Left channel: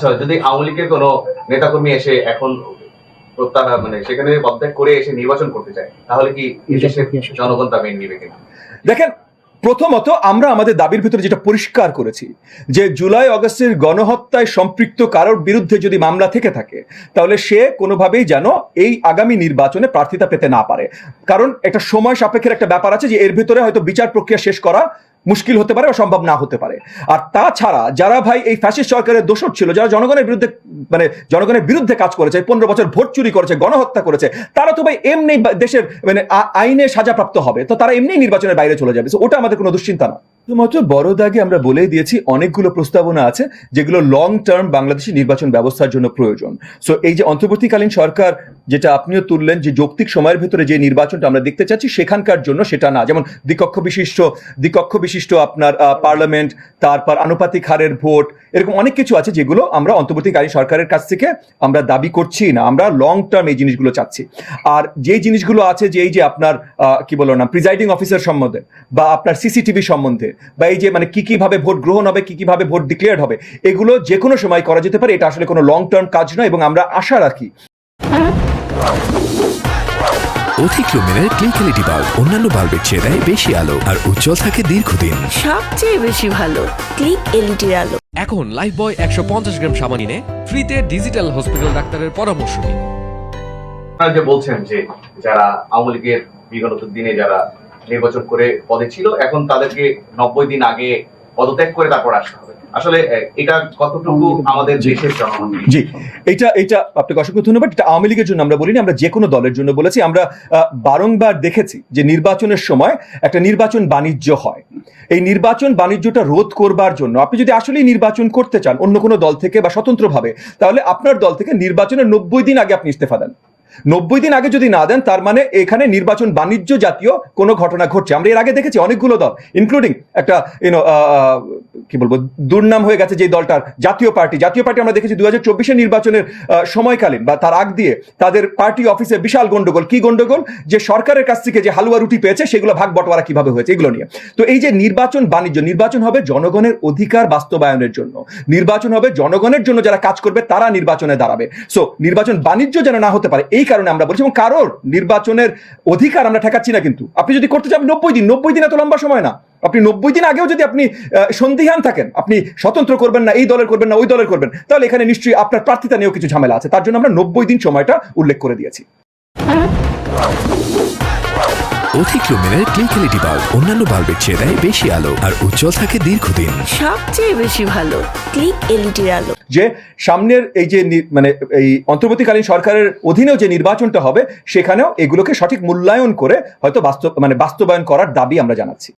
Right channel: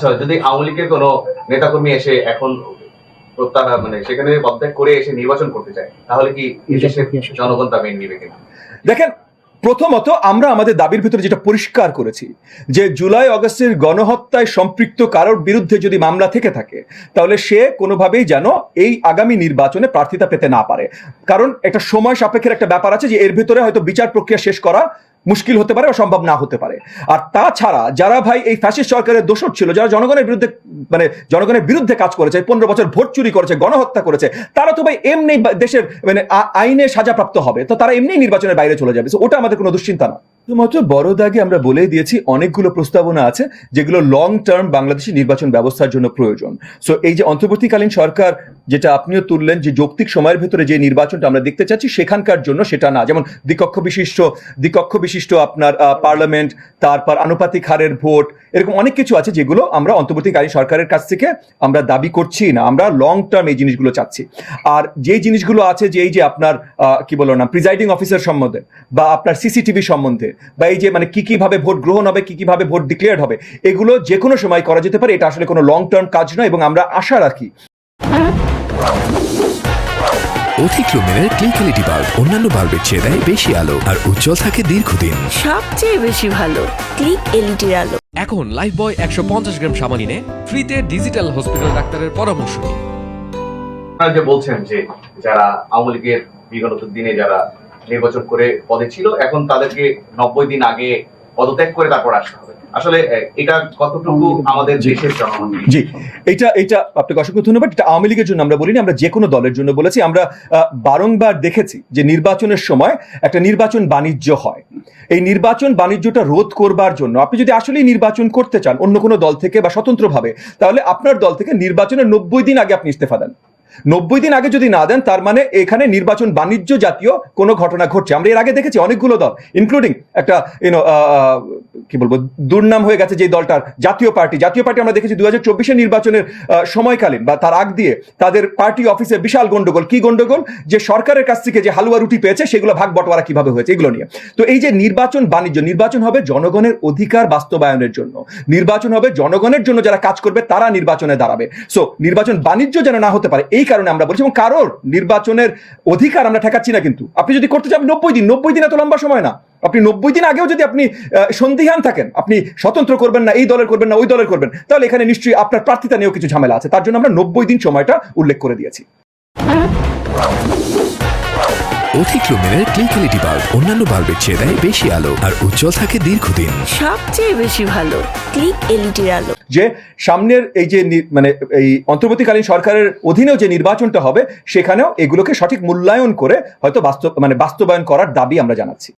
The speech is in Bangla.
আচ্ছা যদি আওয়ামী লীগের কোনো নেতাকর্মী এসে এখন প্রত্যাহার মানে সেখানে করে এসে নির্বাচন করতে চায় তাহলে কি জনগণ তা মেনে নিবে কিনা? দেখেন প্রথমত আমরা আমাদের দাবির ভিতরে যেটা পরিষ্কার করেছি যে জুলাই অগস্টের গণহত্যায় সম্পৃক্ত কারোর বিরুদ্ধে যদি মামলা থেকে থাকে তাহলে সে কোনোভাবেই যেন এই আগামী নির্বাচনে প্রার্থিতা পেতে না পারে। কারণ একটা সময় সাপেক্ষের একটা ব্যাপার আছে যে এর ভিতরে হয়তো বিচার প্রক্রিয়া শেষ করা মুশকিল হতে পারে বা সম্ভব না হতে পারে। আর তাছাড়া যারা ভাই এই ফ্যাসিস্ট সরকারের দোষর ছিল, যারা জনগণের বিরুদ্ধে মানে জনগণের বিরুদ্ধে কাজ করেছে পনেরো বছর ভোট চুরি করেছে, গণহত্যা করেছে, তারা তো ভাই এমনি দেশের মানে আইনে সাজাপ্রাপ্ত হবে। তো তারা এমনি নির্বাচনের বাইরে চলে যাবে। ওটা আমাদের কোনো দুশ্চিন্তা না। শুধুমাত্র বড় দাগে আমরা বলেই দিয়েছি, অনেকগুলো প্রস্তাবনা আছে যেগুলো লং টার্ম বাংলাদেশের নির্বাচন ব্যবস্থার জন্য প্রয়োজন। সো এই যে অন্তর্বর্তীকালীন সরকার যেটা আপনিও তুললেন, যে যৌক্তিক সময়ের ভেতরে যে নির্বাচনটা আমরা দেখতে চাচ্ছি, সেখানকার জন্য সেটা না। যেমন দ্বিকক্ষ বিশিষ্ট দ্বিকক্ষ বিশিষ্ট আপনার পার্লামেন্ট, তারপর আনুপাতিক হারের ভোট, এরকম অনেক কিছু আছে যেগুলো আমরা অন্তর্বর্তীকালীন সরকারের কাছ থেকে আমরা দাবি করছি না। আমরা লং টার্ম এই জিনিসগুলো চাচ্ছি। আর যে জিনিসগুলো আছে যে এই যে আপনার কি বলো না প্রিজাইডিং অফিসার সম্বন্ধে বা আপনার সিসিটিভি সম্বন্ধে বা এই যে মানে কি কীভাবে ভোট গ্রহণ হবে কি কীভাবে ভোট ডিক্লেয়ার হবে এগুলো যে কোনো সময় করা যেতে পারে। এটা আসলে কোনো লং টার্ম কাজ নয় এবং আমরা আশা রাখি। অধিক লুমেনের ক্লিক এলইডি বাল্ব অন্যান্য বাল্বের চেয়ে দেয় বেশি আলো আর উজ্জ্বল থাকে দীর্ঘদিন। সবচেয়ে বেশি ভালো ক্লিক এলইডির আলো। এখন লাইফ বয় একশো পঞ্চাশ গ্রাম সাবান কিনে ফ্রিতে ডিজিটাল হসপিটাল ডাক্তারের পরামর্শ নিন। যে বলছেন যে যারা আওয়ামী লীগের বিগত দিনে যারা নির্বাচন করে পদে ছিল। এখন তাদেরকে নব্বই দিন আগে পদত্যাগ করে তারপর আসতে হবে। আসলে এটা কতটুকু আমাদের দেশের জি এটা এটা আপনাকে অসংখ্য ধন্যবাদ। এটা আওয়ামী লীগের জন্য আমরা বলিনি আমরা যে কোনো দলের জন্য বলেছি। আমরা বারংবার দেখেছি যে নির্বাচনের সময় একটা নির্বাচন বাণিজ্য হয়। এই নির্বাচন বাণিজ্যটা রোধ করবার জন্য আপনি যদি আসলেই নির্বাচন করতে চান অন্য কোনো দল থেকে বা স্বতন্ত্রভাবে তাহলে আপনার দল থেকে নির্বাচনের নব্বই দিন আগে আপনি ইস্তফা দেন। নব্বই দিন আগে যদি না দেন, তার মানে এখানে নির্বাচন বাণিজ্য জাতীয় কোনো ঘটনা ঘটছে। আমরা এর আগে দেখেছি অনেকগুলো দল ইনক্লুডিং একটা ইউনো কি বলব, দুর্নাম হয়ে গেছে যে দলটা জাতীয় পার্টি। জাতীয় পার্টি আমরা দেখেছি দুই হাজার চব্বিশের নির্বাচনের সময়কালে বা তার আগ দিয়ে তাদের পার্টি অফিসে বিশাল গন্ডগোল। কি গন্ডগোল? যে সরকারের কাছ থেকে যে হালুয়া রুটি পেয়েছে, সেগুলো ভাগ বটোয়ারা কীভাবে হয়েছে, এগুলো নিয়ে। তো এই যে নির্বাচন বাণিজ্য, নির্বাচন হবে জনগণের অধিকার বাস্তবায়নের জন্য। নির্বাচন হবে জনগণের জন্য যারা কাজ করবে, তারা নির্বাচনে দাঁড়াবে। সো নির্বাচন বাণিজ্য যেন না হতে পারে এই কারণে আমরা বলছি, এবং কারোর নির্বাচনের অধিকার আমরা ঠেকাচ্ছি না কিন্তু। আপনি যদি করতে চান, নব্বই দিন নব্বই দিন এত লম্বা সময় না। আপনি নব্বই দিন আগেও যদি আপনি সন্দিহান থাকেন, আপনি স্বতন্ত্র করবেন না, এই দলের করবেন না, ওই দলের করবেন, তাহলে এখানে নিশ্চয়ই আপনার প্রার্থীতা নিয়েও কিছু ঝামেলা আছে। তার জন্য আমরা নব্বই দিন সময়টা উল্লেখ করে দিয়েছি। অধিক লুমেনের ক্লিক এলইডি বাল্ব অন্যান্য বাল্বের চেয়ে দেয় বেশি আলো আর উজ্জ্বল থাকে দীর্ঘদিন। সবচেয়ে বেশি ভালো ক্লিক এলইডির আলো। যে সামনের এই যে মানে এই অন্তর্বর্তীকালীন সরকারের অধীনেও যে নির্বাচনটা হবে সেখানেও এগুলোকে সঠিক মূল্যায়ন করে হয়তো বাস্তব মানে বাস্তবায়ন করার দাবি আমরা জানাচ্ছি।